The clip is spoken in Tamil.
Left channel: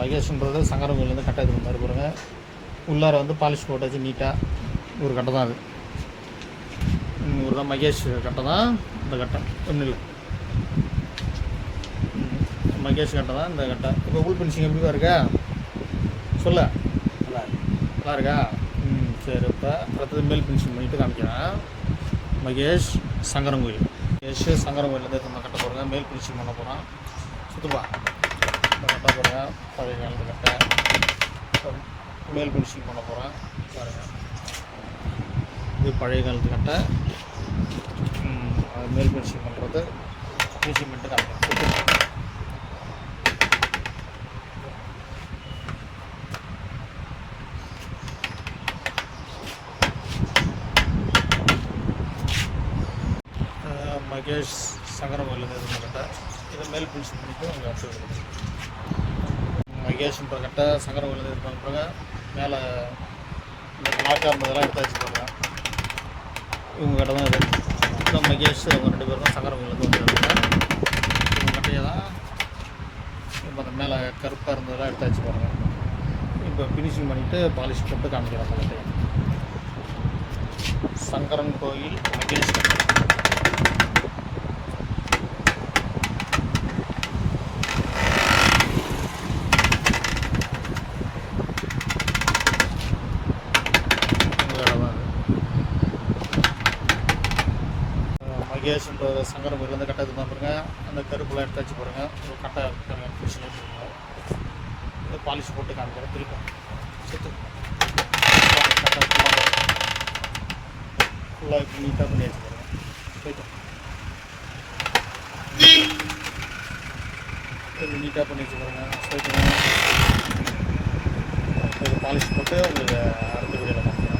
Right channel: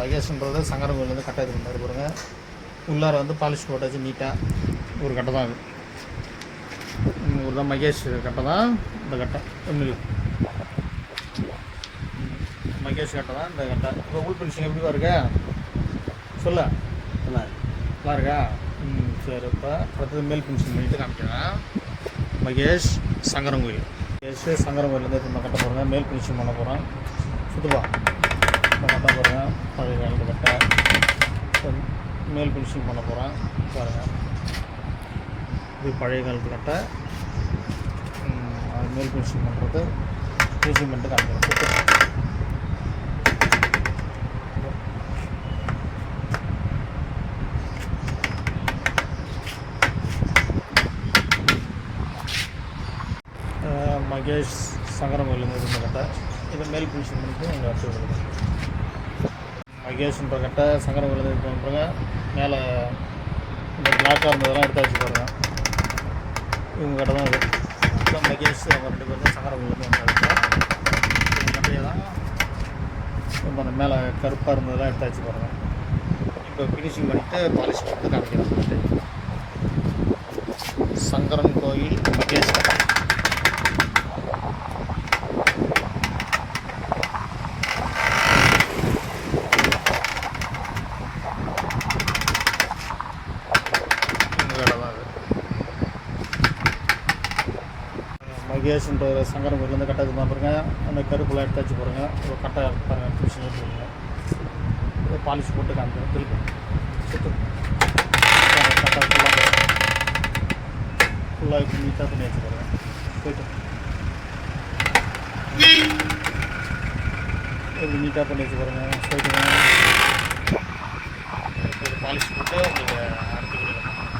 மகேஷ்ன்றது சங்கரங்கோயிலேருந்து கட்டை எடுத்துகிட்டு வந்தார் பாருங்க. உள்ளார வந்து பாலிஷ் போட்டாச்சு நீட்டாக. ஒரு கட்டை தான் அது. ஒரு தான் மகேஷ் கட்டை தான் இந்த கட்டை. ஒன்றும் இல்லை, மகேஷ் கட்டை தான் இந்த கட்டை. இப்போ உள் ஃபினிஷிங் எப்படிவா இருக்கா சொல்ல? நல்லா இருக்கா? சரி. இப்போ அடுத்தது மேல் ஃபினிஷிங் பண்ணிவிட்டு காமிக்கிறேன். மகேஷ் சங்கரங்கோயில். மகேஷ் சங்கரங்கோயிலேருந்து இந்த கட்டை போகிறேங்க. மேல் ஃபினிஷிங் பண்ண போகிறேன். சுற்றுப்பா இந்த கட்டை போகிறேன். பழைய காலத்து கட்டை. மேல் ஃபினிஷிங் பண்ண போகிறேன் பாருங்கள். இது பழைய காலத்து கட்டை. அது மேல் ஃபினிஷிங் பண்ணுறது ஃபினிஷிங் பண்ணிட்டு காமிக்கிறேன். மகேஷ் சங்கரங்கோயிலேருந்து இருந்த கட்டை. இதை மேல் ஃபினிஷிங் பண்ணிவிட்டு அங்கே வச்சுருக்கோம். மகேஷ்ன்ற கட்டை சங்கரங்கோயிலேருந்து இருக்க பாருங்க. மேலே இந்த பிளாக்காக இருந்ததெல்லாம் எடுத்தாச்சு பாருங்கள். இவங்க கட்டை தான் இது. இதுதான் மகேஷ். அவங்க 2 பேரும் தான் சங்கரங்கோயிலேருந்து வந்துருக்காங்க. இவங்க கட்டையை தான் இப்போ அந்த மேலே கருப்பாக இருந்ததெல்லாம் எடுத்தாச்சு பாருங்கள். இப்போ ஃபினிஷிங் பண்ணிவிட்டு பாலிஷ் போட்டு காமிக்கிறேன் அந்த கட்டையை. சங்கரன் கோயில் மகேஷ் கட்டை. மகேஷ்ன்ற சங்கரங்கோயிலேருந்து கட்டை தான் பாருங்க. அந்த கருப்பெல்லாம் எடுத்தாச்சு பாருங்கள். ஒரு கட்டை பாருங்கள் ஃபினிஷிங் எடுத்துருங்க. இதை பாலிஷ் போட்டு காமிக்கிறேன். திருப்பி சுற்று கட்டை ஃபுல்லாக இப்படி நீட்டாக பண்ணி வச்சு பாருங்கள். போய்ட்டு இப்படி நீட்டாக பண்ணி வச்சு பாருங்கள். போய்ட்டு இது பாலிஷ் போட்டு உங்களுக்கு அடுத்த வீடியோவில் காமிக்கிறேன்.